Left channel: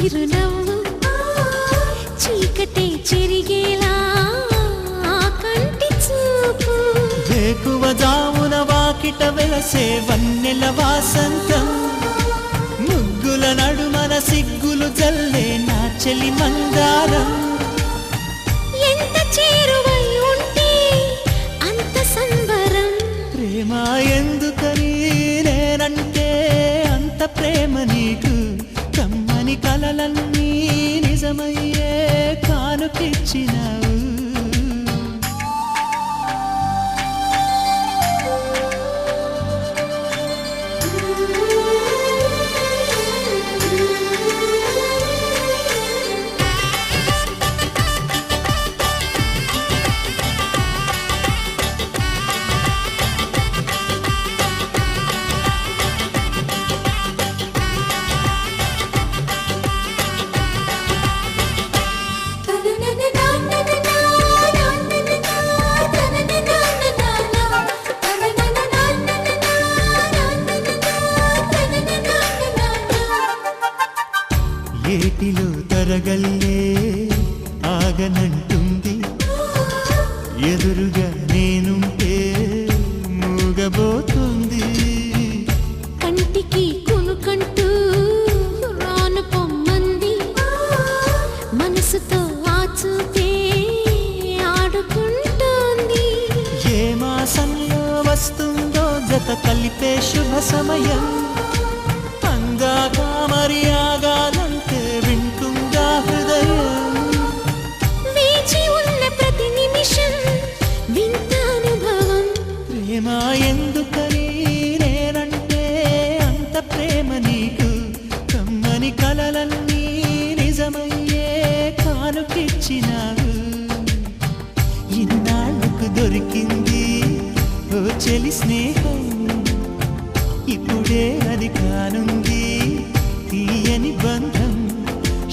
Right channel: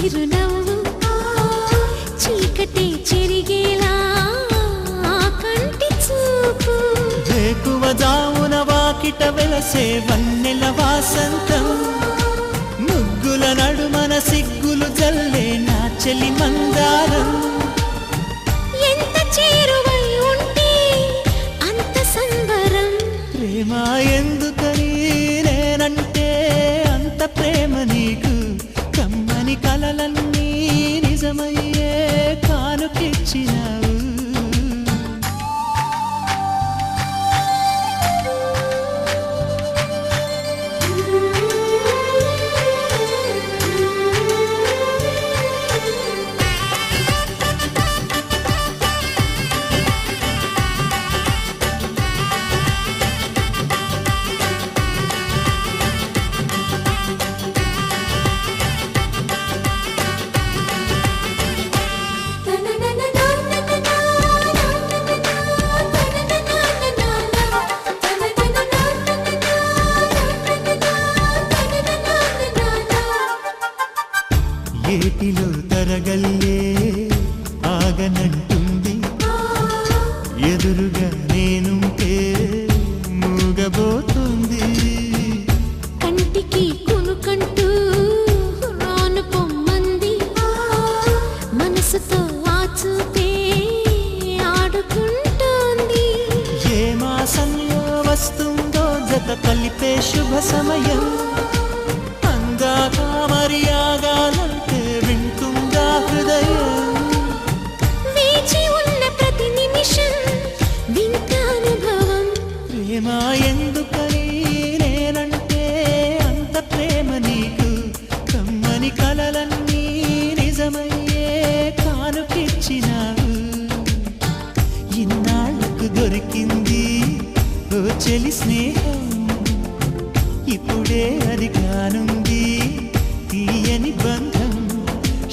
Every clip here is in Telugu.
చిరునవ్వు చీకటే చెరిగేలా కంటి చూపు వేకువ జామున వాకిట వెలసే వన్నెల వాసంతం ముగ్గుల నడుమన సిగ్గులు జల్లే నా చెలి మందారం ఎంత చేరువై ఉంటే అంత సంబరం ప్రేమ ఎందుకని నేనంటే అంత ప్రేమ నీకు కమ్మని కలలన్నీ నిజమయ్యే కానుకిచ్చినావు ఏటిలో తరగల్లే ఆగనంటుంది ఎదురుగా నేనుంటే మూగబోతుంది కంటికి కునుకంటూ రాను పొమ్మంది మనసుతో ఆచూపే ఆడుకుంటోంది ఏ మాసంలో వస్తుందో జత కలిపే శుభ సమయం అందాక మరి ఆగాలంటే వింటుందా హృదయం వేచి ఉన్న ప్రతి నిమిషం వింత అనుభవం ప్రేమ ఎందుకని నేనంటే అంత ప్రేమ నీకు కమ్మని కలలన్నీ నిజమయ్యే కానుకిచ్చినావు ఇన్నాళ్లకు దొరికింది ఓ చెలి స్నేహం ఇప్పుడే అది కానుంది తీయని బంధం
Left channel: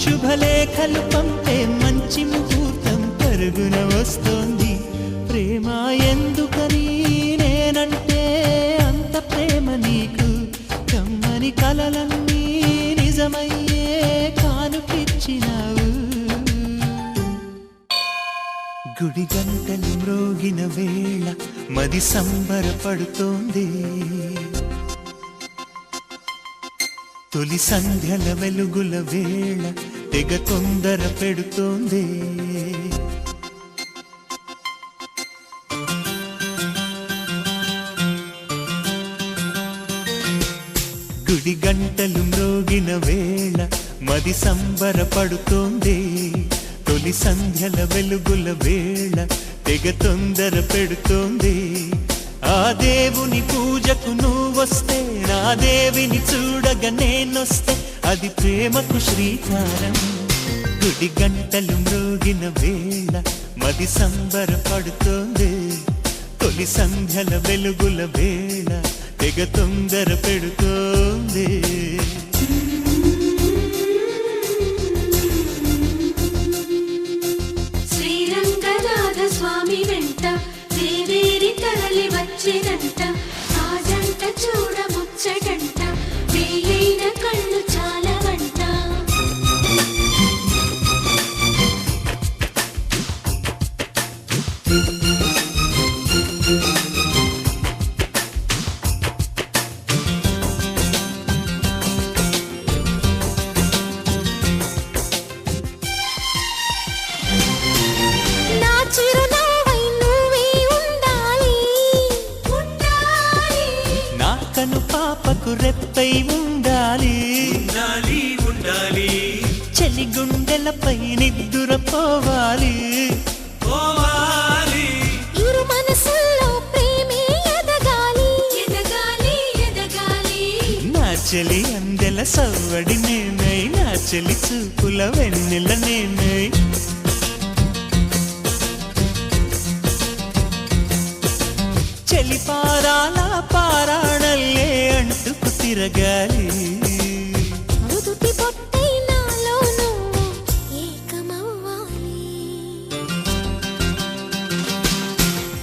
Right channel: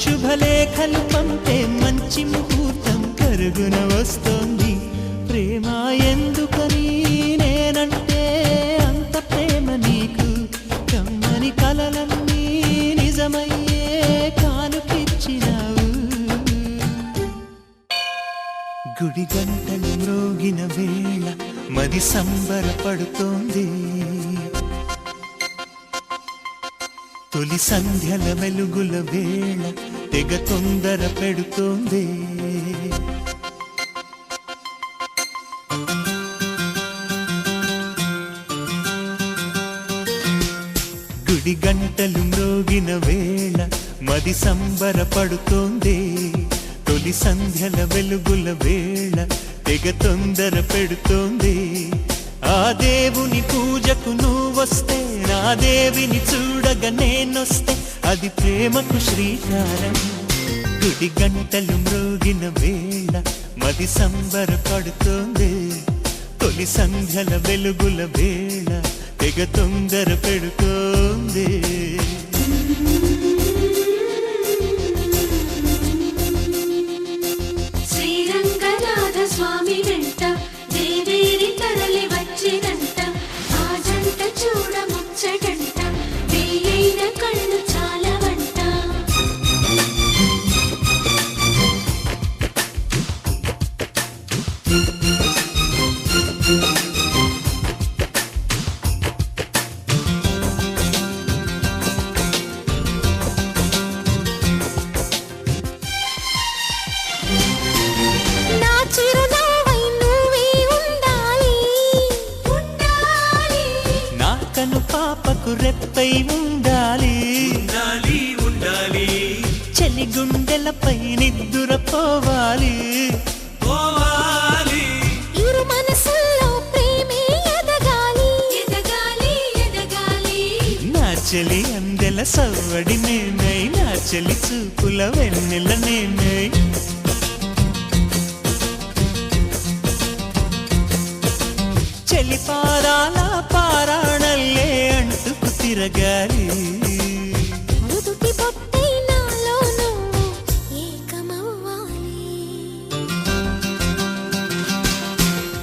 శుభలేఖలు పంపే మంచి ముహూర్తం కరుగున వస్తోంది ప్రేమ ఎందుకని నేనంటే అంత ప్రేమ నీకు కమ్మని కలలన్నీ నిజమయ్యే కానుకిచ్చినావు గుడి గంటలు మ్రోగిన వేళ మది సంబరపడుతోంది తొలి సంధ్యల వెలుగుల వేళ తెగ తొందర పెడుతోంది గుడి గంటలు మ్రోగిన వేళ మది సంబరపడుతోంది తొలి సంధ్యల వెలుగుల వేళ తెగ తొందర పెడుతోంది ఆ దేవుని పూజకు నువ్వొస్తే నా దేవిని చూడగా నేనొస్తే అది ప్రేమకు శ్రీకారం గుడి గంటలు మ్రోగిన వేళ మది సంబరపడుతోంది తొలి సంధ్యల వెలుగుల వేళ తెగ తొందర పెడుతోంది శ్రీరంగనాథ స్వామి వెంట దేవేరి తరలి వచ్చినంట ఆ జంట చూడముచ్చటంట వేయైన కళ్ళు చాలవంట నా చిరునవ్వై నువ్వే ఉండాలి నా కను పాపకు రెప్పై ఉండాలి చలి గుండెలపై నిద్దురపోవాలి ఇరు మనసుల్లో ప్రేమే ఎదగాలి నా చెలి అందెల సవ్వడి నేనై నా చెలి చూపుల వెన్నెల నేనై చెలి పారాల పారాణల్లే అంటుకు తిరగాలి నుదుటి బొట్టై నాలో నువ్వు ఏకమవ్వాలి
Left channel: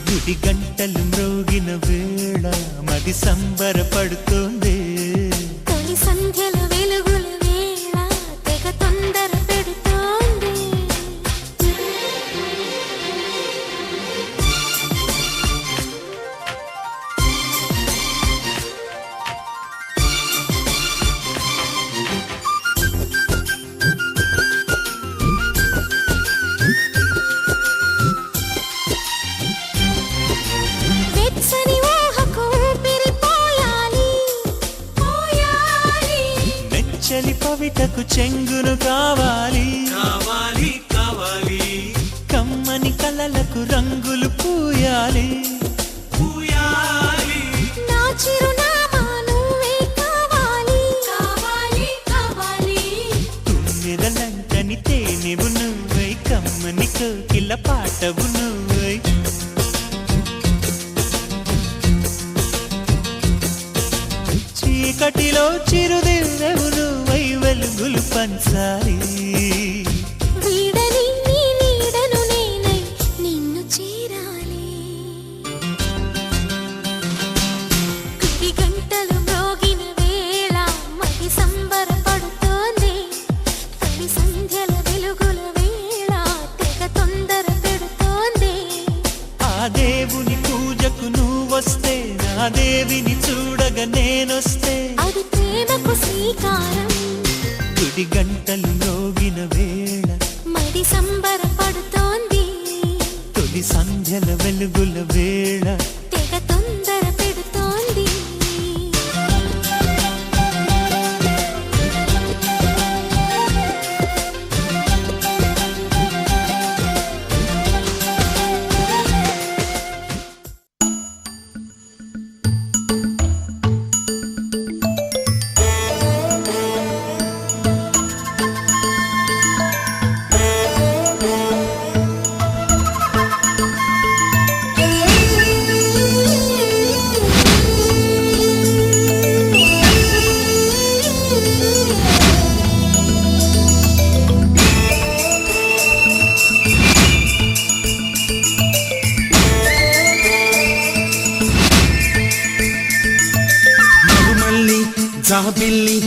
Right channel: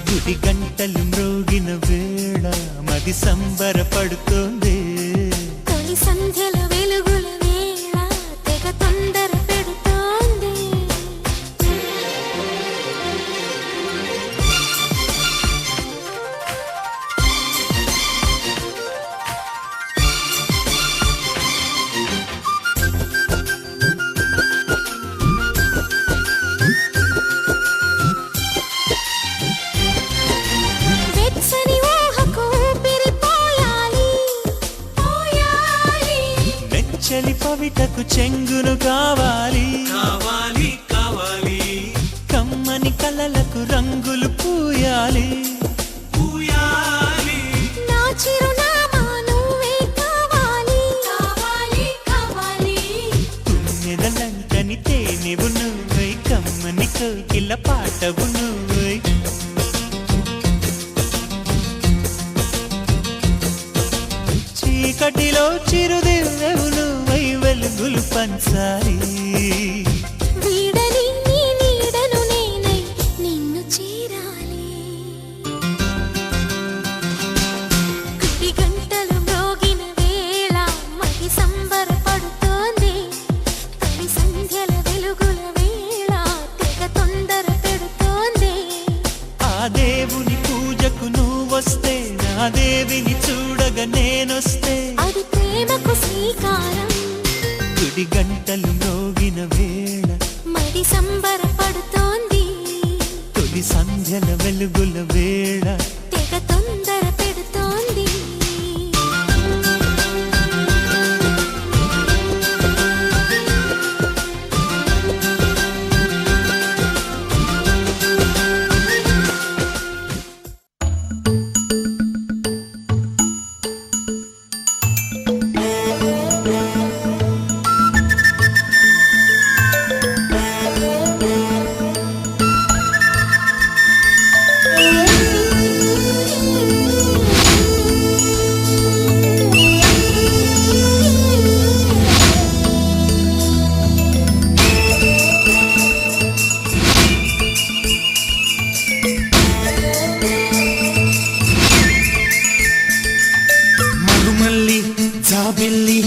గుడి గంటలు మ్రోగిన వేళ మది సంబరపడుతోంది తొలి సంధ్యల వెలుగుల వేళ తెగ తొందర చలి పవిటకు చెంగును కావాలి, కమ్మని కలలకు రంగులు పూయాలి. నా చిరునామా నువ్వే కావాలి, తుమ్మెదలంటని తేనెవు నువ్వై, కమ్మని కోకిల పాటవు నువ్వై. చీకటిలో చిరుదివ్వెవు నువ్వై, వెలుగులు పంచాలి. వీడని నీ నీడను నేనై నిన్ను చేరాలి. గుడి గంటలు మ్రోగిన వేళ మది సంబరపడుతోంది. తొలి సంధ్యల వెలుగుల వేళ తెగ తొందర పెడుతోంది. ఆ దేవుని పూజకు నువ్వొస్తే, నా దేవిని చూడగా నేనొస్తే, అది ప్రేమకు శ్రీకారం. గుడి గంటలు మ్రోగిన వేళ మది సంబరపడుతోంది. తొలి సంధ్యల వెలుగుల వేళ తెగ తొందర పెడుతోంది. మగుమల్లి జాబిల్లి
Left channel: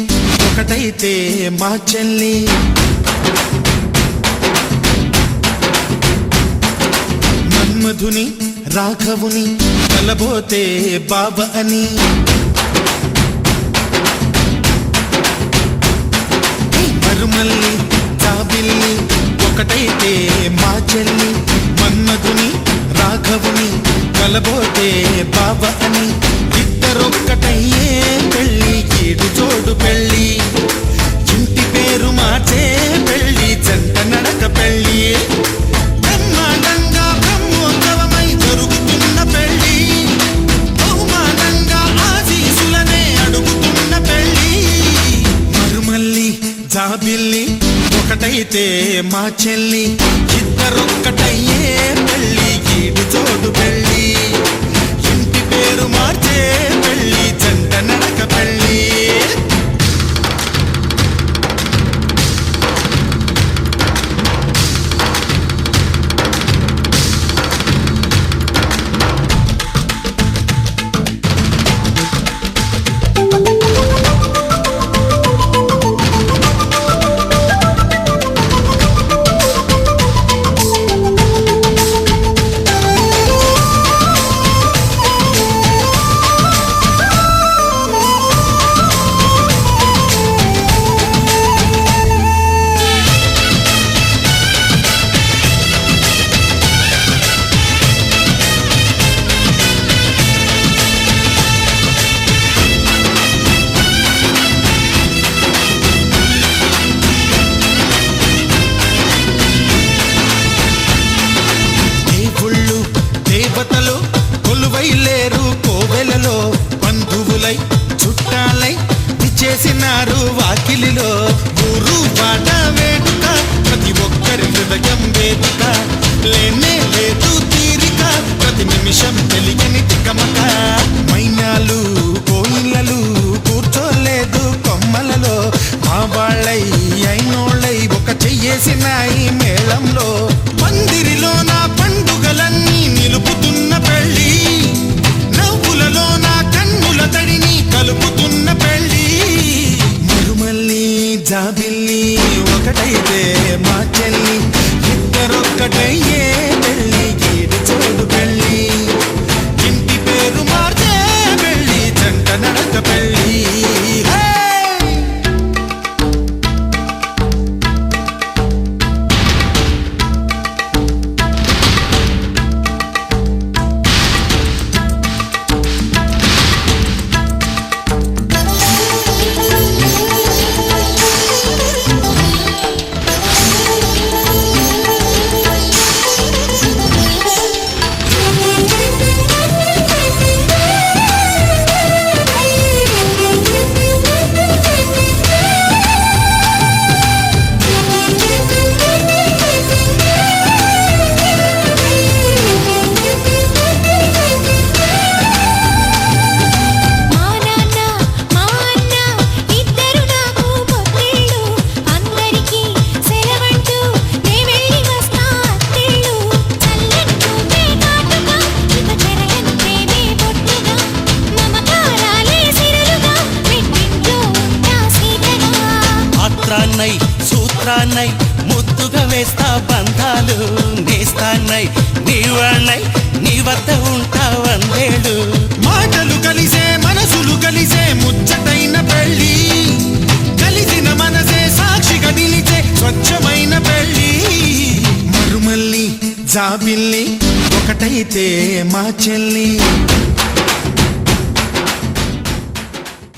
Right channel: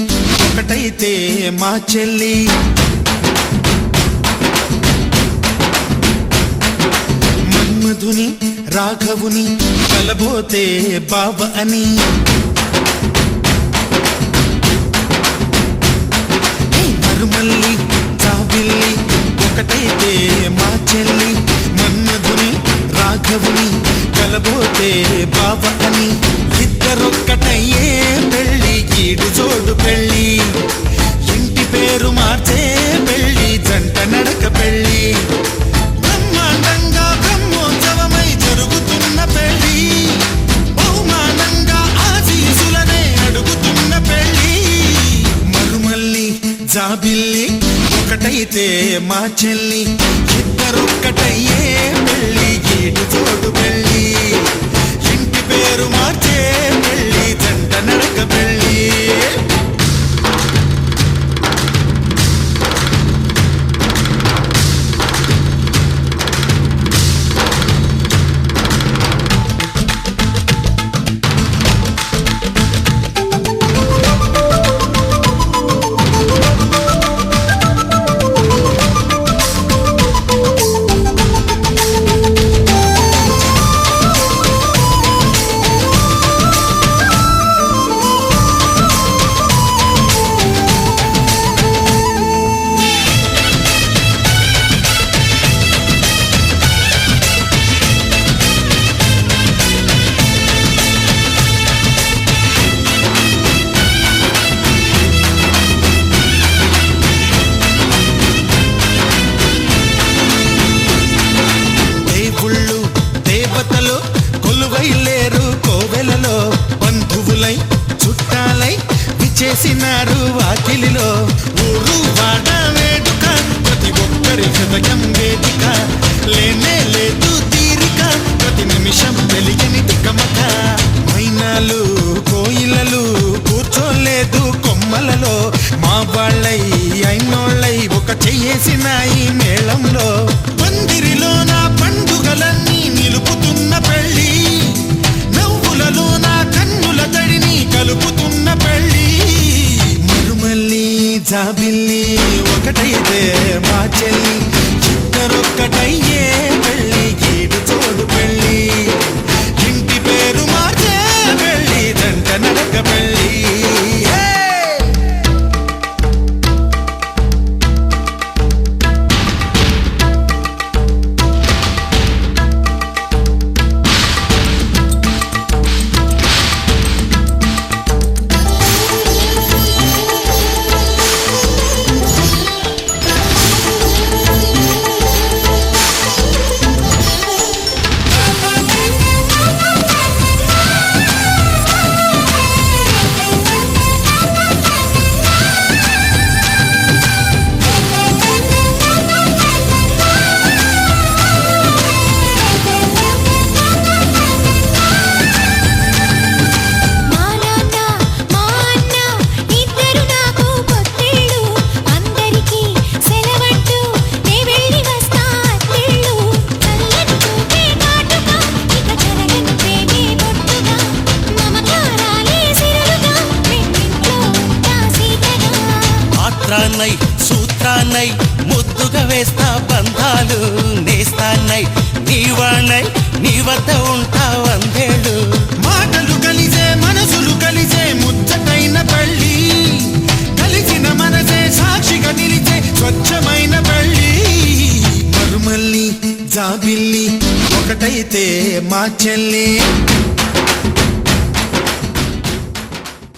ఒకటైతే మా చెల్లి, మన్మధుని రాఘవుని కలబోతే బాబ అని. మరుమల్లి జాబిల్లి ఒకటైతే మా చెల్లి, మన్మధుని రాఘవుని కలబోతే బాబ అని. ఇద్దరొక్కటయ్యే పెళ్ళి, ఈడు జోడు పెళ్ళి, ఇంటి పేరు మార్చే పెళ్ళి, జంట నడక పెళ్ళి. బ్రహ్మాండంగా బ్రహ్మోత్సవమై జరుగుతున్న పెళ్ళి, బహుమానంగా ఆశీసులనే అడుగుతున్న పెళ్ళి. మరుమల్లి జాబిల్లి ఒకటైతే మా చెల్లి, ఇద్దరొక్కటయ్యే పెళ్ళి, ఈడు జోడు పెళ్ళి, ఇంటి పేరు మార్చే పెళ్ళి, జంట నడక పెళ్ళి. దేవుళ్ళు దేవతలు కొలువై లేరు కోవెలలో, బంధువులై చుట్టాలై విచేసినారు వాకిలిలో. ఊరు వాడ వేడుక, ప్రతి ఒక్కరి హృదయం వేదిక, లేనే లేదు తీరిక, ప్రతి నిమిషం వెలిగిని తికమక. మైనాలు కోయిలలు కూర్చోలేదు కొమ్మలలో, మా వాళ్ళై అయినోళ్ళై ఒక చెయ్యేసినాయి మేళంలో. మందిరిలో నా పండుగలన్నీ నిలుపుతున్న పెళ్ళి, నవ్వులలో నా కన్నుల తడిని కలుపుతున్న పెళ్ళి. మరుమల్లి జాబిల్లి ఒకటైతే మా చెల్లి, ఇద్దరొక్కటయ్యే పెళ్ళి, ఈడు జోడు పెళ్ళి, ఇంటి పేరు మార్చే పెళ్ళి, జంట నడక పెళ్ళి. మంత్రాన్నై సూత్రాన్నై ముద్దుగా వేస్తా బంధాలు నేస్తాన్నై నీ వాళ్ళై నీ వద్ద ఉంటా వందేళ్ళు మాటలు కలిసే మనసులు కలిసే ముచ్చటైన పెళ్ళి కలిసిన మనసే సాక్షిగా నిలిచే స్వచ్ఛమైన పెళ్ళి మరుమల్లి జాబిల్లి ఒకటైతే మా చెల్లి